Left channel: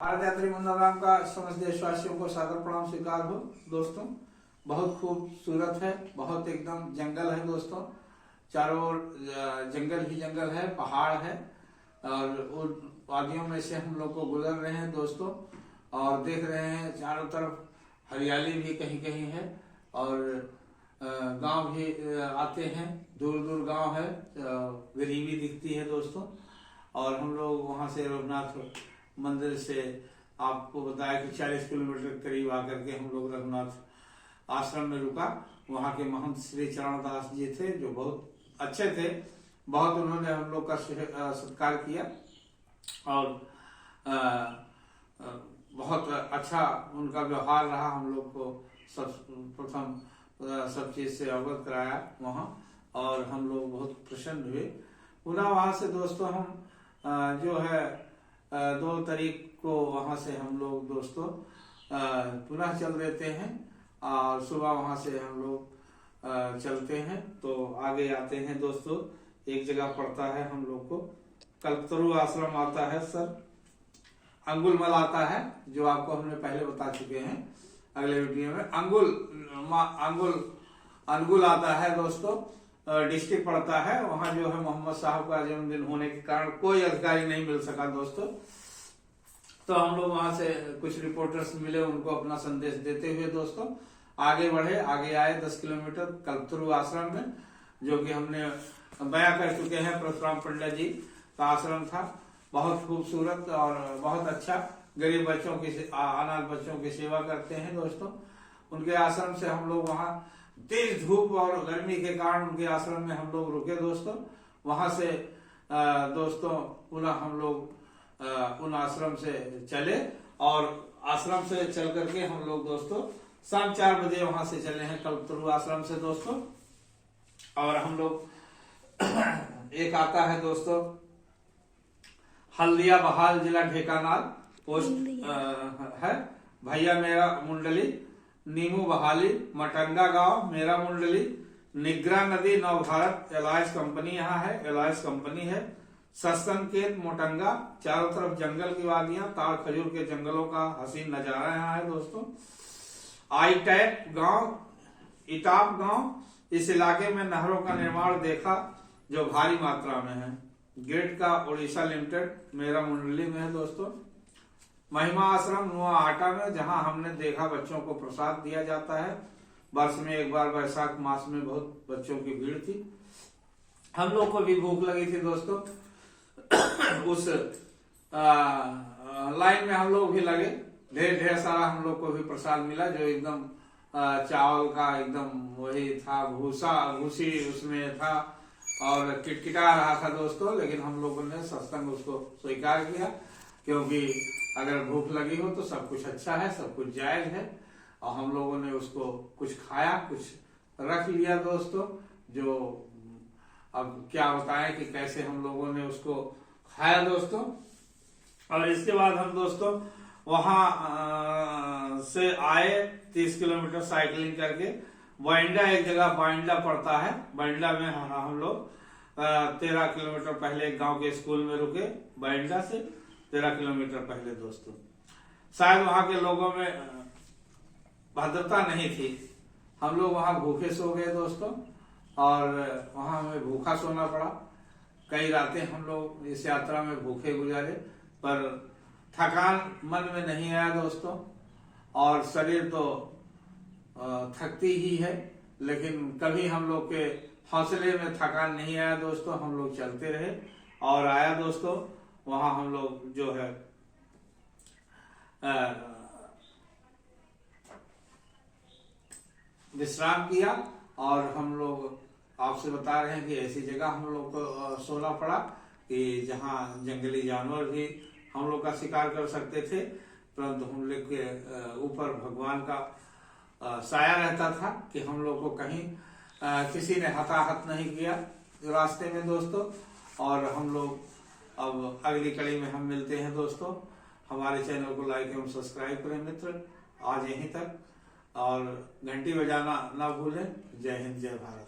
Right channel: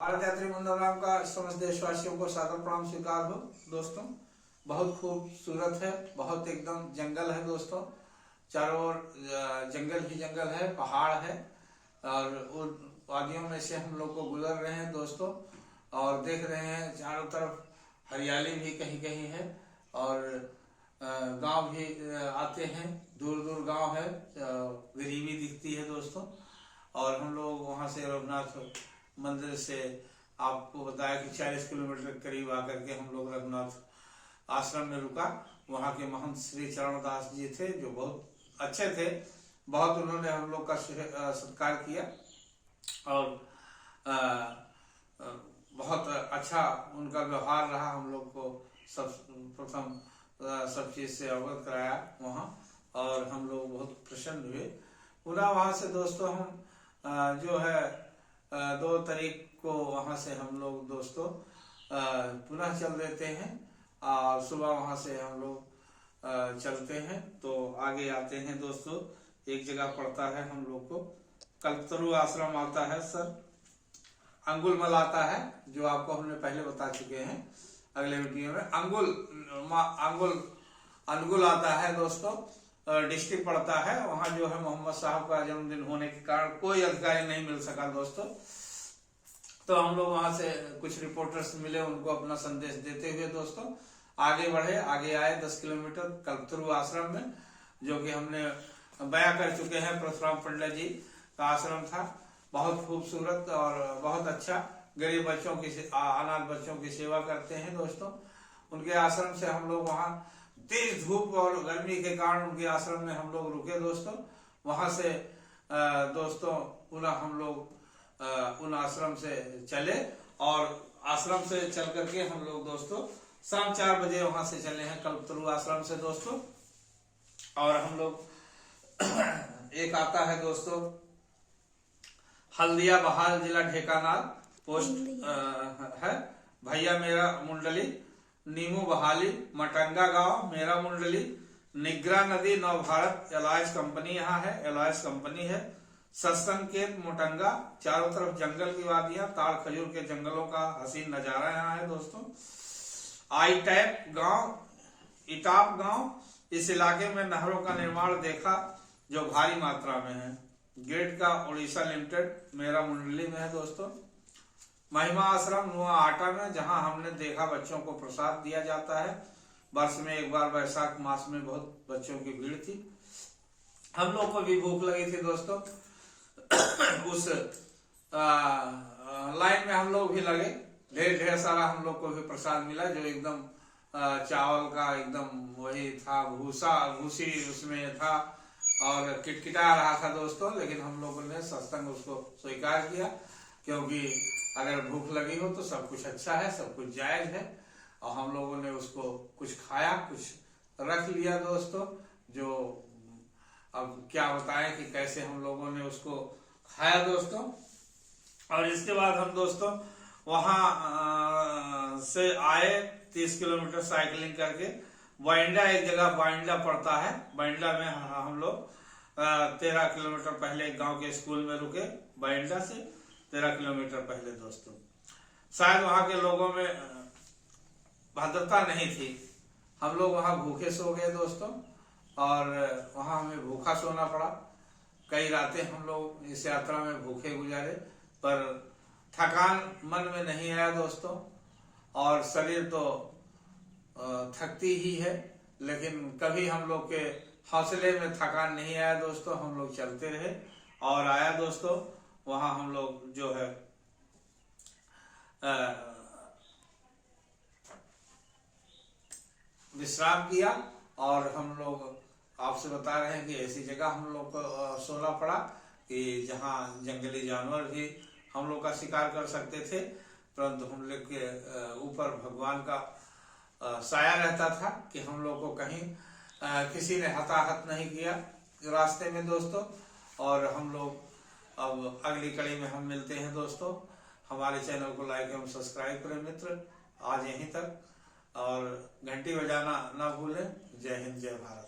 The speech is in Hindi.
भारत यात्री मंडलराम का समस्त देशवासियों को सादर प्रणाम स्वीकार हो। दोस्तों, बहुत खूबसूरत है, बहुत एकदम जंगल है दोस्तों, चारों ओर जंगल ही जंगल है, पहाड़ है और उन वादियों में से हम लोग को गुजर रहे हैं दोस्तों। और देख रहे हैं चारों तरफ हरियाली भी कहीं कहीं है और गांव भी आते हैं, दूर दूर गांव है, गरीबी दिखती है दोस्तों। और हम लोग वहां से रघुनाथ मंदिर से आपको बताया कि 40 किलोमीटर के करीब आकर के हम लोग रघुनाथ आश्रम में रुका। वहां के महंत श्री चरणदास जी थे जो बहुत अच्छे थे, बहुत उन्होंने हम लोग का सत्कार किया और बहुत अच्छा उनका व्यवहार रहा। हम लोग को सब प्रथम सब चीज से अवगत कराया वहाँ और हम लोग बहुत प्रसन्न हुए। पुनः वहां से दोस्तों हम जो है 2 तारीख को वहां से हम लोग दोस्तों पुनः चल देते हैं और सुबह वहां से हम लोग चलते हैं तो आगे आते हैं दोस्तों। एक जगह पड़ता है हम लोग को कल्पतरु आश्रम आता है सर, अंगुलमल आता है जो आपको हमने पहले बता चुके हैं अगले वीडियो में। अंगुल आता है दोस्तों, डिस्ट्रिक्ट पड़ता है वहां। जो है मोहम्मद साहब का जन्मदिन होने के कारण कोई अधिकारी नहीं मिल सका दोस्तों, तो हम लोग वहां से कुछ रिपोर्टर्स मिले, उनको अपना संदेश देते हुए दोस्तों आगे बढ़े। आगे आए 10 किलोमीटर कल्पतरु आश्रम में, जो कि हमने बयां कर चुके हैं। परशुराम पंडित जी का आश्रम था, बहुत खूबसूरत और बहुत अच्छा। गरीब बच्चों की अनाथ बच्चों की सेवा करते हैं दोस्तों। उनके आश्रम से हम लोग वहाँ तेज धूप और गर्मी के कारण उनके आश्रम में हम लोग रुके दोस्तों। वहां से दोस्तों पुनः हम लोग उन आश्रम से चले और आश्रम से चल करके हम लोग दोस्तों शाम 4 बजे वहां से चले हैं कल्पतरु आश्रम से दोस्तों। और हम लोग एक आता है दोस्तों हल्दिया बहाल, जिला ढेकानाल, पोस्ट है भैया मेरा मुंडली, नीमू बहाली, मटंगा गांव मेरा मुंडली, निगरा नदी नव भारत एलायंस कंपनी यहाँ है, एलायंस कंपनी है। सत्संकेत मोटंगा, चारों तरफ जंगल की वादियां, ताड़ खजूर के जंगलों का हसीन नजारा यहाँ है दोस्तों। आई टैप गांव, इटाप गांव, इस इलाके में नहरों का निर्माण देखा जो भारी मात्रा में है। ग्रिड का उड़ीसा लिमिटेड मेरा मुंडली में है दोस्तों। महिमा आश्रम नुआ आटा में, जहां हमने देखा बच्चों को प्रसाद दिया जाता है। वर्ष में एक बार वैशाख मास में बहुत बच्चों की भीड़ थी, हम लोग को भी भूख लगी थी दोस्तों। उस लाइन में हम लोग भी लगे, ढेर सारा हम लोग को भी प्रसाद मिला जो एकदम चावल का एकदम वही था, भूसी उसमें था और किटकिटा रहा था दोस्तों। लेकिन हम लोगों ने सत्संग उसको स्वीकार किया, क्योंकि अगर भूख लगी हो तो सब कुछ अच्छा है, सब कुछ जायज है। और हम लोगों ने उसको कुछ खाया, कुछ रख लिया दोस्तों। जो अब क्या बताएं कि कैसे हम लोगों ने उसको खाया दोस्तों। और इसके बाद हम दोस्तों वहां से आए 30 किलोमीटर साइकिलिंग करके। बाइंडा एक जगह बाइंडा पड़ता है, बाइंडा में हम लोग 13 किलोमीटर पहले गांव के स्कूल में रुके। बाइंडा से 13 किलोमीटर पहले दोस्तों शायद वहां के लोगों में भद्रता नहीं थी, हम लोग वहां भूखे सो गए दोस्तों और वहां हमें भूखा सोना पड़ा। कई रातें हम लोग इस यात्रा में भूखे गुजारे, पर थकान मन में नहीं आया दोस्तों। और शरीर तो थकती ही है, लेकिन कभी हम लोग के हौसले में थकान नहीं आया दोस्तों। हम लोग चलते रहे और आया दोस्तों वहां हम लोग जो है विश्राम किया। और हम लोग आपसे बता रहे हैं कि ऐसी जगह हम लोग को सोना पड़ा कि जहां जंगली जानवर भी हम लोग का शिकार कर सकते थे, परंतु हम लोग के ऊपर भगवान का साया रहता था कि हम लोग को कहीं किसी ने हताहत नहीं किया रास्ते में दोस्तों। और हम लोग अब अगली कड़ी में हम मिलते हैं दोस्तों। हमारे चैनल को लाइक एवं सब्सक्राइब करें मित्र। आज यहीं तक और घंटी बजाना ना भूलें। जय हिंद, जय भारत।